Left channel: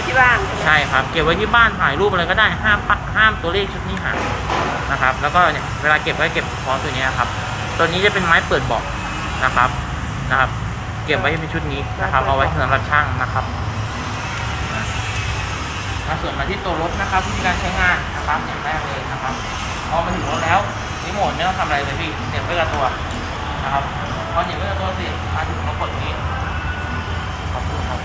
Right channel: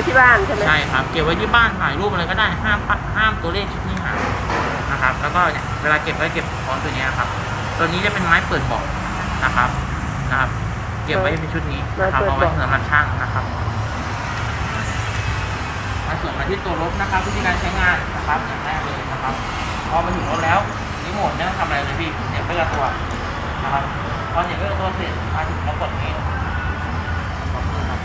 ว้ที่บ้านใช่ไหมใช่ครับ เก็บไว้ที่บ้านถ่ายรูปอะไรก็ได้ห้ามปะห้ามตัวเลขชุดนี้หายนะครับ แล้วก็เนี่ยเวลาเก็บก็เก็บพร้อมตัวเนี้ยครับ ตัวนี้จะเป็นไม้เปิดเบอกนะครับนะครับ เก็บไว้ในชุดนี้นะครับเอาไว้สำหรับช่างนะครับมาส่วนมาที่ตัวรถนะครับวิธีการใช้งานนะครับอย่างแรกเลยนะครับพอมาถึงรถแล้วรีโมทไม่ต้องทำอะไรเลยพี่เหนี่ยบไว้กับตัวนะครับพอเหนี่ยบไว้กับตัวเสร็จมาถึงเรากดนี้กดรีโมท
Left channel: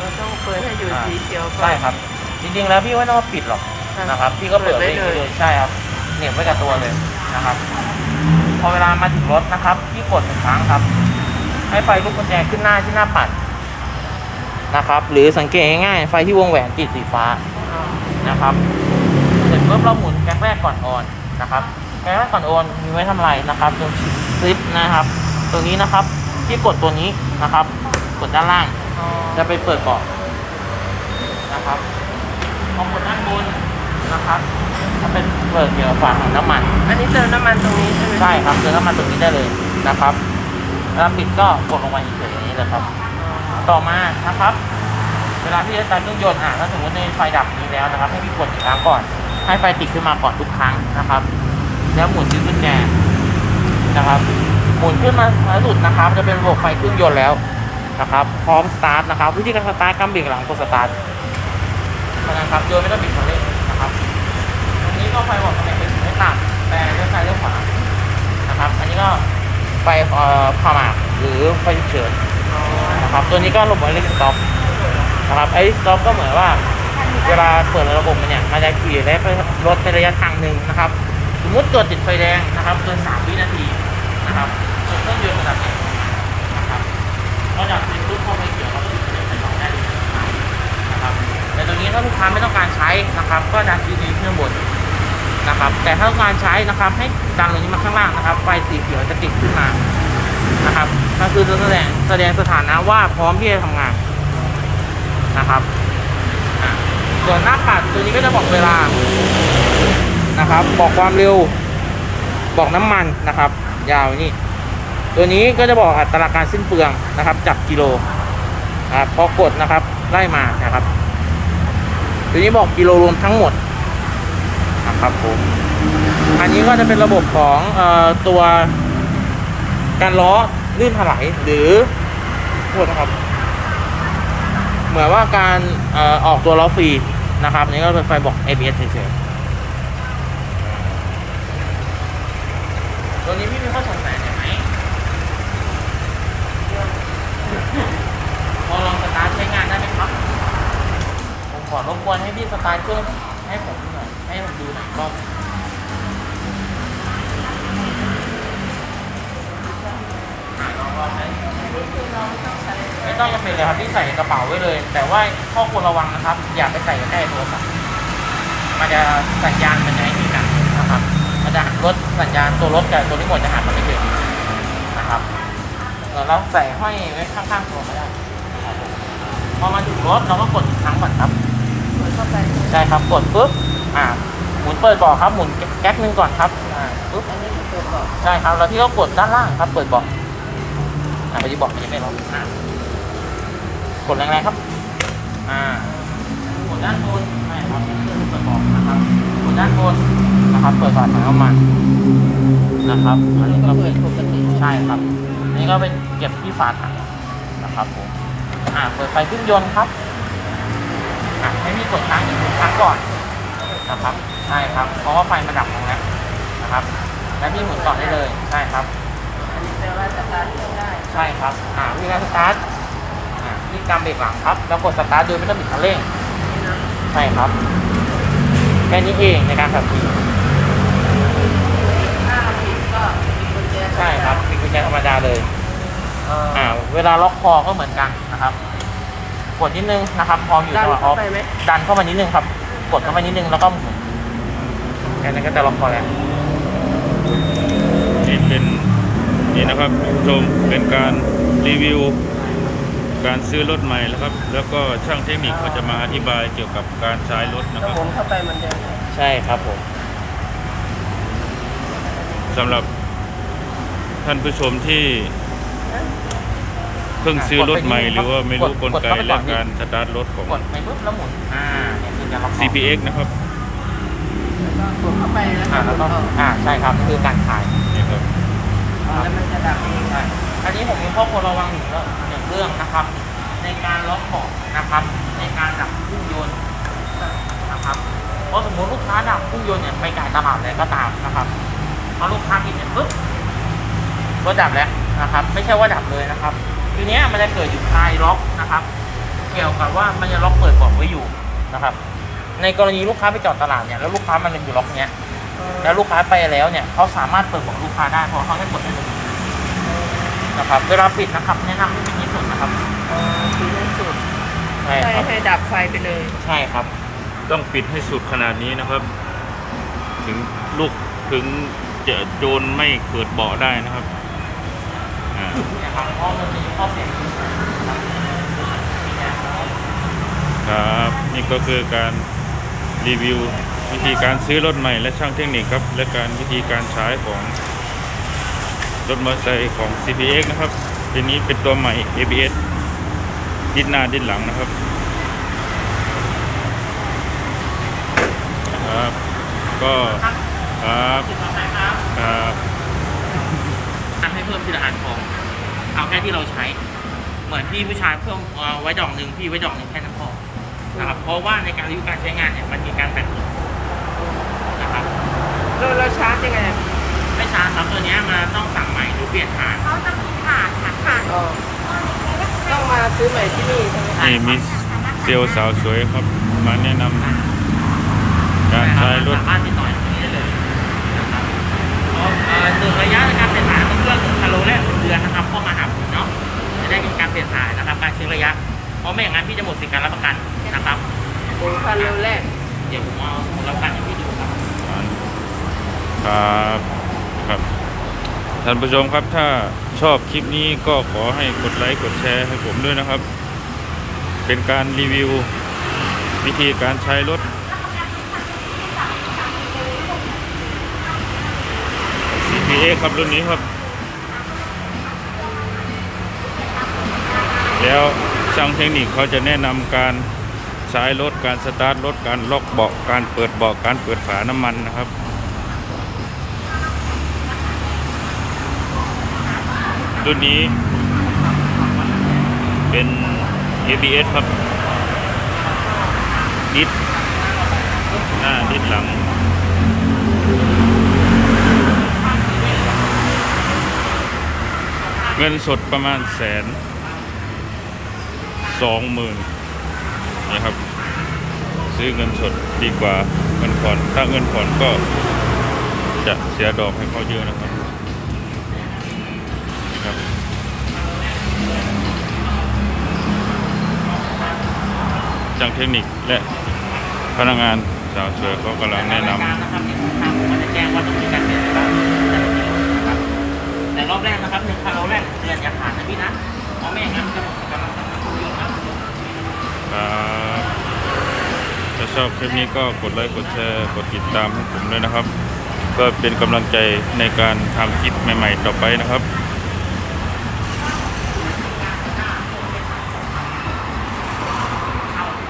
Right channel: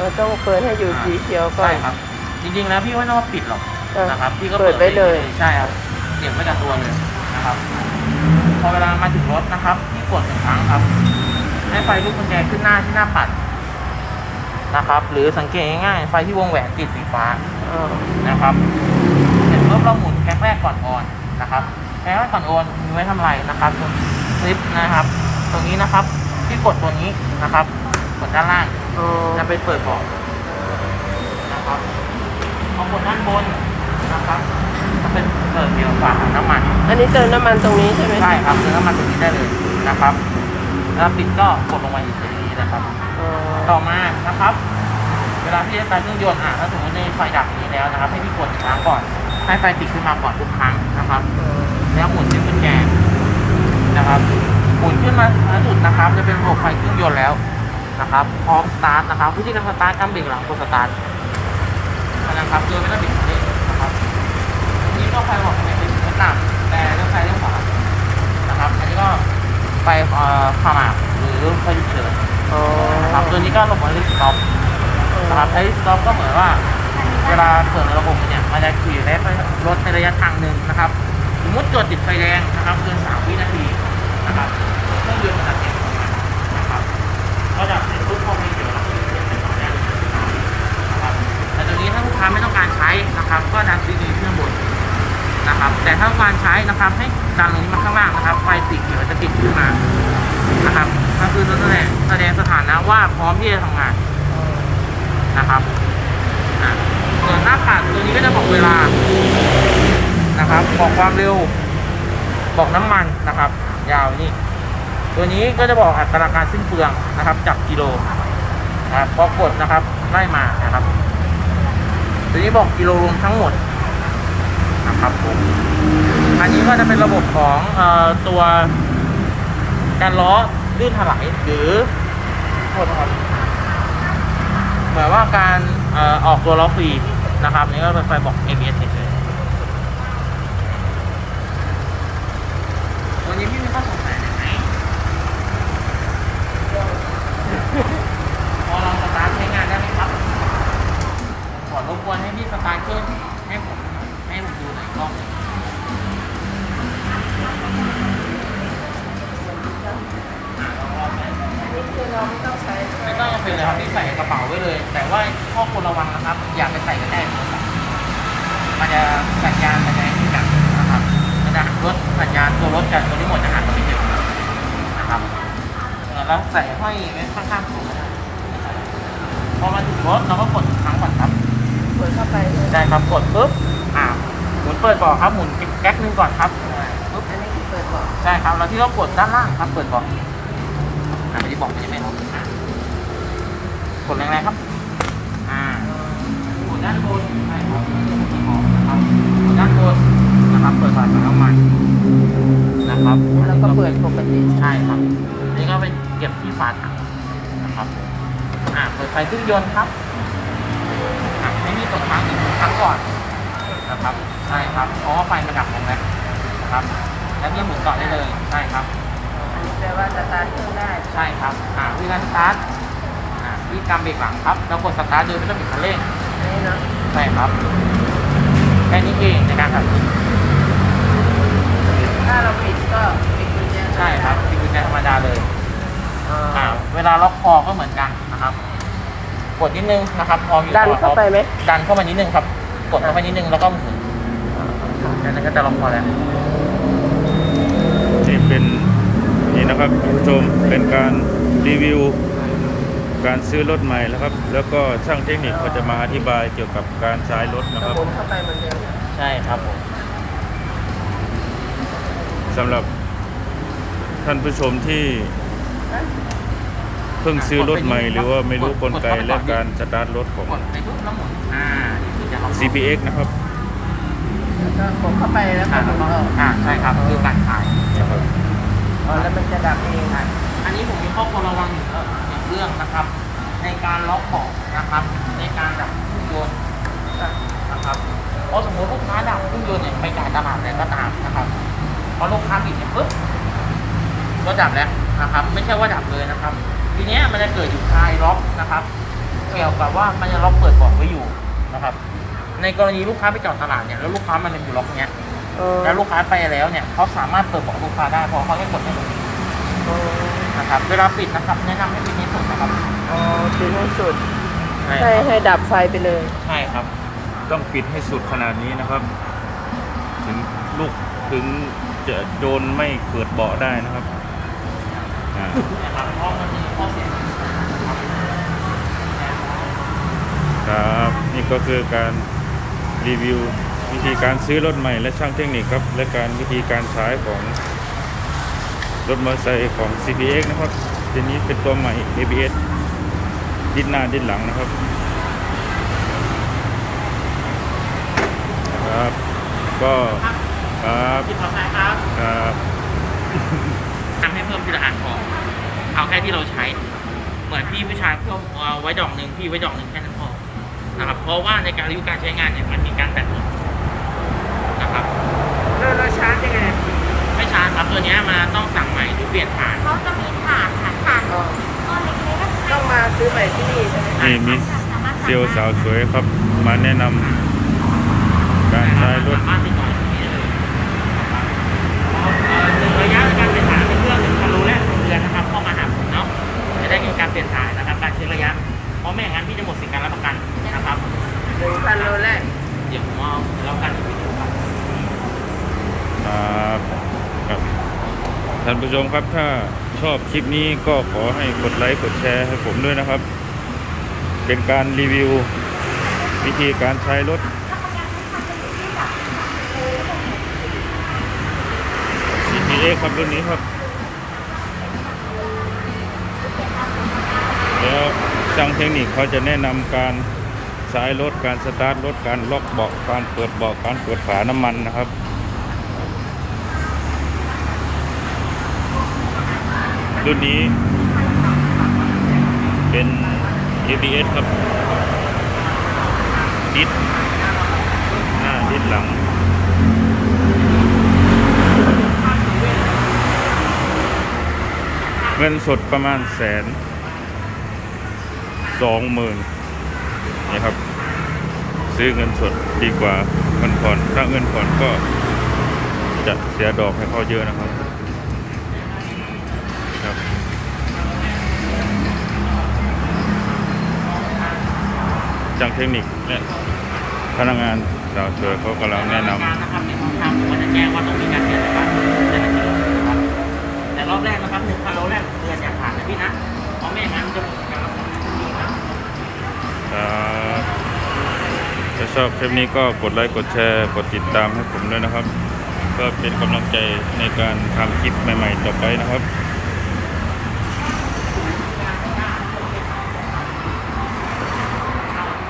เราต้องเปิดให้อยู่สีเขียวก่อใช่น ครับ จริงๆแล้วพี่ไม่ต้องปิดหรอกเออนะครับ พี่ก็เปิดเปิดได้เลย ใช่ครับเหนี่ยบไว้กับตัวเลยนะครับ พอเวลามาถึงรถนะครับพี่กดหนึ่งครั้งครับ ให้ไฟลูกกุญแจขึ้นหน้าที่หน้าปัดนะครับ หรือสังเกตง่ายๆไฟที่วงแหวนติดสีฟ้า นะครับเสร็จปุ๊บเราหมุนแกแรกก่อนออนนะครับแกแรกก่อนออนมีไว้ทำอะไรนะครับตรงคลิปนะครับ ตรงนี้นะครับที่กดตัวนี้นะครับ กดด้านล่าง อ๋อจะไปเปิดก่อนนะครับเอาบนด้านบนนะครับจะเป็นเปิดเกี่ยวกับฝาถังน้ำมันอันนี้เติมน้ำมันตรงนี้ใช่ไหมใช่ครับเจอน้ำมันตรงนี้ได้เลยนะครับแล้วปิดก็กดลงมาอีกตรงนี้เลยครับ ต่อมานะครับ เวลาที่จะสตาร์ทเครื่องยนต์อะถ้าสมมติมีไฟดับนี้แล้วนะครับ ให้พี่กดอีกครั้งก่อน ให้ไฟติดขึ้นมาก่อนทุกครั้งนะครับ แล้วหมุนที่กุญแจนะครับหมุนขึ้นมาสุดนะครับ จะเป็นระบบไฟเครื่องยนต์แล้ว นะครับ พร้อมสตาร์ทนะครับ วิธีการสตาร์ทกำเบรกหลังกดสตาร์ทนะครับโดยไม่ต้องบิดคันเร่งนะครับอันนี้ก็ไฟบอกขนาดเป็นสีน้ำตาลแต่เลี้ยวซ้ แสดงสถานะว่าพร้อมที่จะทำงานนะครับส่วนหน้าปัดตัวนี้ก็จะบอกเวลานะครับ บอกความเร็ว บอกน้ำมันนะครับ ยาวนี่ตัวนี้ก็จะบอกอัตราการสิ้นเปลืองนะครับ จับกิโลนะครับพอกดนะครับได้มานะครับ ตัวนี้บอกกิโลรวมทั้งหมดนะครับอันนี้ก็จะเป็นระบบของอตัวการล้อลื่นถลายหรือ ษนะครับ เหมือนว่าการเอ่อออกตัวล้อฟรีนะครับอันนี่ก็เป็นไฟบอก ABS เฉยๆตัวนี้พี่ไม่ต้องสงสัยไหมพอลองสตาร์ทใช้งานได้ไหมครับผมขอรบกวนให้พี่สตาร์ทเครื่องให้ผมหน่อยให้ผมดูหน่อยรอบอ่าล องลองไหมอันนี้คือเราไม่ต้องใช้ไม่ต้องจำเป็นเลยครับที่ใส่กระเป๋าไว้เลย แต่ว่าข้อควรระวังนะครับ อย่าไปใส่ไว้ใต้โทรศัพท์มันจะสัญญาณมันจะให้ที่หนักนะครับมันจะลดสัญญาณตัวรถแก่ตัวนี้หมดจะหันมาที่เด็กนะครับแต่เราใส่ห้อยไว้ข้างๆตัวก็ได้นะครับพอมาถึงรถเราก็กดอีกครั้งก่อนครับเปิดเข้าไปใช่ไหมใช่ครับกดปุ๊บอ่าหมุนเปิดเบอกครับหมุนแก๊กนึงก่อนครับอ่าปุ๊บอันนี้คือเปิดก่อนใช่ครับแล้วที่เรากดด้านล่างครับเปิดเบอกอ่าที่ บอกมันยังไม่ลงอ่ากดแรงๆครับ อ่ากดด้านบนใช่ครับเพื่อที่เปิดเบอกนะครับ กดด้านบนนะครับ เปิดฝาถังน้ำมันนะครับอันแล้วนี้ก็ก็เปิเป็ดนปกติใช่ครับอันนี่ก็เป็นเก็บที่ฝาถังนะครับผม อ่าเปิดไฟเครื่องยนต์ครับอะให้มีกดค้างอีกหนึ่งครั้งก่อนนะครับ ใช่ครับ เพราะว่าไฟมันดับลงแล้วนะครับ และที่หมุนต่อได้เลย ใช่ครับอั นนี้แปลว่าสตาร์ทเครื่องได้ใช่ครับอ่าวิธีการสตาร์ทอ่าวิธีการเบรกหลังครับ แล้วกดสตาร์ทโดยไม่ต้องบิดคันเร่งนี่เนาะใช่ครับแค่นี้เองในการขับขี่ถ้าเราปิดก็ปิดกุญแจธรใช่รมคดารับเป็นกุญแจธรรมดาเลยเอออ่าเวลาล็อกคอก็เหมือนกันนะครับ กดนิดนึงนะครับ พออยู่ดันจังหวะเข้าไปไหมดันเข้ามานิดนึงครับ กดเข้าไปนิดนึงแล้วก็หมุนแค่นี้ก็จะล็อกคอแล้ว นี่เป็น นี่นะครับคุณผู้ชมเป็นการรีวิว การซื้อรถใหม่แล้วครับ แล้วก็ช่างเทคนิคเขาจะมาอธิบายเกี่ยวกับการใช้รถนะก็ครับ หมุนเข้าไปเหมือนเดิมเนี่ยใช่ครับสำหรับท่านผู้ชมที่เพิ่งซื้อรถใหม่ หรือว่าไม่รู้กลไกและการสตาร์ทรถของ กดไปปุ๊บแล้วหมุนอ่าเนี่ยเป็นการล็อก CPX นะครับแล้วก็กดเข้าไปแล้วก็อ่าหมุนออกอ่าใช่ครับคือการขายเนี่ยครับอ๋อ แล้วมันจะดับเองอะอันนี้ผมมีข้อควรระวังหนึ่งเรื่องหนึ่งเรื่องนะครับ ในการล็อกเบาะนะครับ ในการดับเครื่องยนต์นะครับเพราะสมมติลูกค้าดับเครื่องยนต์เนี่ยไปจ่ายตลาดเลยก็ตามนะครับพอลูกค้าปิดเนี่ยปุ๊บรถดับแล้วนะครับ ไม่ใช่ว่าดับเลยนะครับ ทีเนี้ยมันจะเกิดอยู่คลายล็อกนะครับ เกี่ยวกับว่ามันจะล็อกเปิดเบาะไว้อยู่นะครับ ในกรณีลูกค้าไปจอดตลาดเนี่ยแล้วลูกค้ามันยังอยู่ล็อกเนี้ย แล้วลูกค้าไปแล้วเนี่ยเขาสามารถเปิดเบาะลูกค้าได้เพราะเขาจะกดให้เลยอ๋อนะครับเวลาปิดนะครับแนะนำให้ปิดที่สุดนะครับอ๋อคือให้สุดใช่ให้ให้ดับไฟไปเลยใช่ครับ ต้องปิดให้สุดขนาดนี้นะครับ ถึงลูกถึงจะโจรไม่เปิดเบาะได้นะครับอ่านะครับเพราะมันมีข้อเสียนะครับครับ นี่ก็คือการรีวิว วิธีการซื้อรถใหม่และช่างเทคนิคครับ และการวิธีการใช้ของรถมอเตอร์ไซค์ของ CPX นะครับทีนี้เป็นตัวใหม่ ABS ดิ้นหน้าดิ้นหลังนะครับนะครับ ก็ครับครับที่ต่อไปครับครับทำให้เพิ่มทีละอันของ เอาแค่ที่เราใช้ เหมือนพี่ผู้ชายเพิ่มไว้ดอกหนึ่งพี่ไว้ดอกหนึ่งแค่นั้นพอนะครับเพราะว่าในการรีวิวการใช้งานเนี่ยมันมีการแบตหมดนะ ครับแล้วเราชาร์จยังไงไม่ช้าครับตัวเนี้ยมันต้องสั่งใหม่หรือเปลี่ยนฐานเขาจะมีถาดค่ะถาดอ๋อก้อนเล็กๆก็ต้องมาซื้อใหม่ที่นี่ใช่ไหมนี่มีเซลล์สาวสวยครับ มาแนะนำการใช้รถ สามารถติดต่อ ครับครับ ท่านผู้ชมครับถ้าชอบคลิปนี้ก็ขอให้กดไลค์กดแชร์ให้ผมด้วยนะครับ เป็นการรีวิว วิธีการใช้รถของ CPA ครับรุ่นนี้ครับ แล้วช่างเทคนิคเขาจะแนะนำการใช้รถการสตาร์ทรถการล็อกเบาะการเปิดเบาะการเปิดฝาน้ำมันนะครับ รุ่นนี้ เป็น ABS ครับ ดิสหน้าดิสหลัง เงินสดประมาณแสนสองหมื่นนี่ครับ ซื้อเงินสดดีกว่าเงินผ่อนถ้าเงินผ่อนก็จะเสียดอกให้เขาเยอะนะครับ ครับ จังเทคนิคและพนักงานสาวสวยเขากำลังแนะนรายการนะครับที่ทางผมก็จะแจ้งว่าต้องมีการเปลี่ยนอะไรบ้างแต่ละกิโลนะครับ แต่รอบแรกนะครับหนึ่งพันโลแรกหนึ่งเดือนอย่าขาดนะพี่นะเพราะไม่อย่างนั้นมันจะหมดสิทธิการรับประกันทุกโรงนะำครับถ้าชอบคลิปนี้ก็กดไลค์กดแชร์กดติดตามให้ผมด้วยนะครับก็เป็นกำลังใจในการทำคลิปใหม่ ๆ ต่อไปนะครับ